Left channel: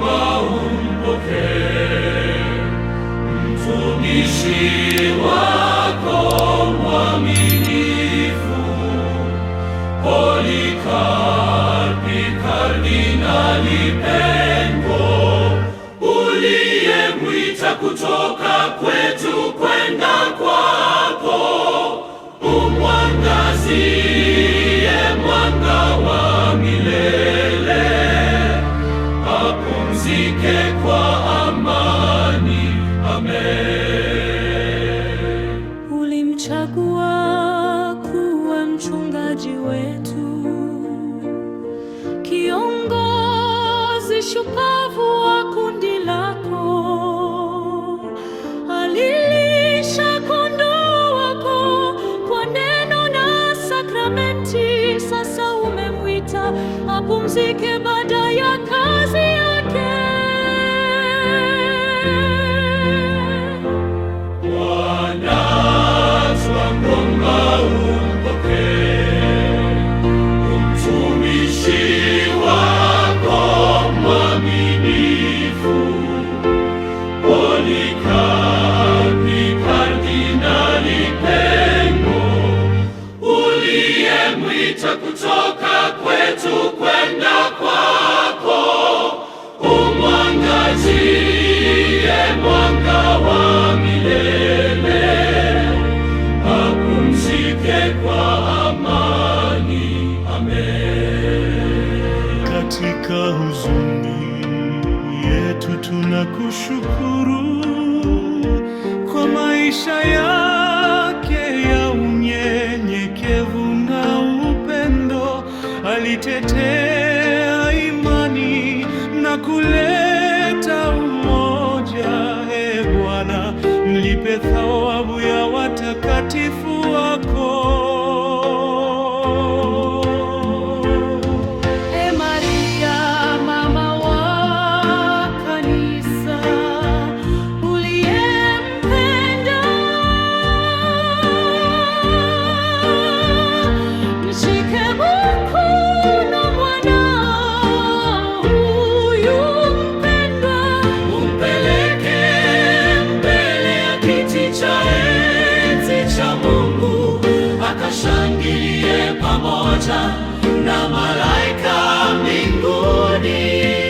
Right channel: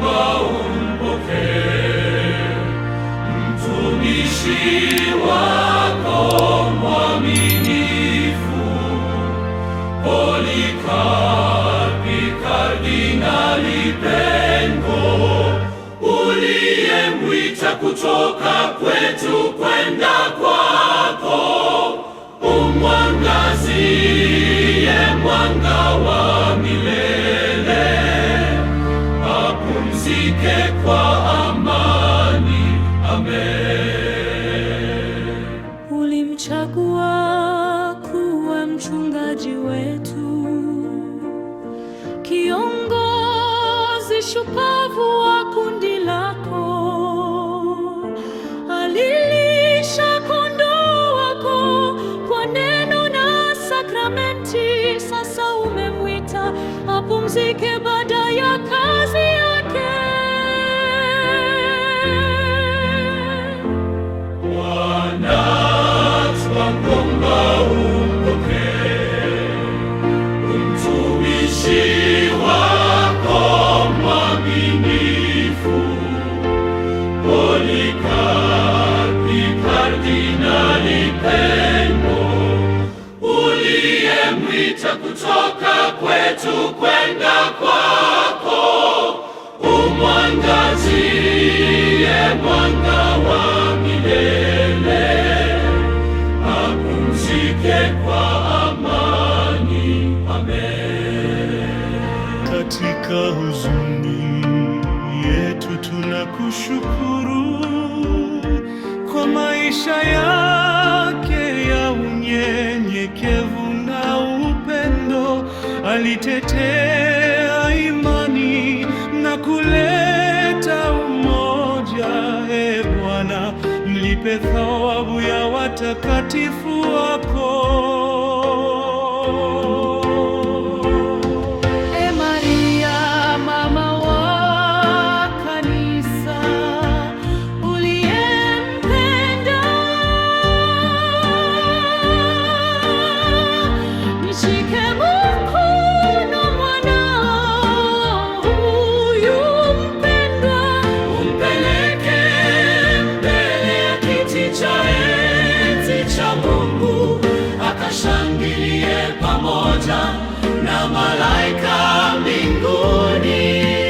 naomba umpokee mtumishi wako mwaminifu, Polikarpi Kardinali Pengo, uliyemwita kutoka kwetu kwenda kwako. Umwangazie mwanga wa milele, apumzike kwa amani. Amen. Ulimchagua kuwa mchungaji wetu, kiongozi shupavu wa kundi lako. Alilisha kondoo wako kwa neno na sakramenti. Sasa umemwita apumzike baada ya kazi yake. Bwana, twakuomba umpokee mtumishi wako mwaminifu, Polikarpi Kardinali Pengo, uliyemwita kutoka kwetu kwenda kwako. Umwangazie mwanga wa milele, apumzike kwa amani. Amen. Katika huzuni yetu tunakushukuru kwa maisha yake ya unyenyekevu na upendo. Alitetea imani na kuleta umoja. E Bwana, mlipe thawabu ya watakatifu wako. E Maria, mama wa kanisa, uliyempenda, nishike mkono mwanao huyu mpendwa, umpeleke mbele ya kiti cha enzi cha Mungu, akashangilie pamoja na malaika mbinguni.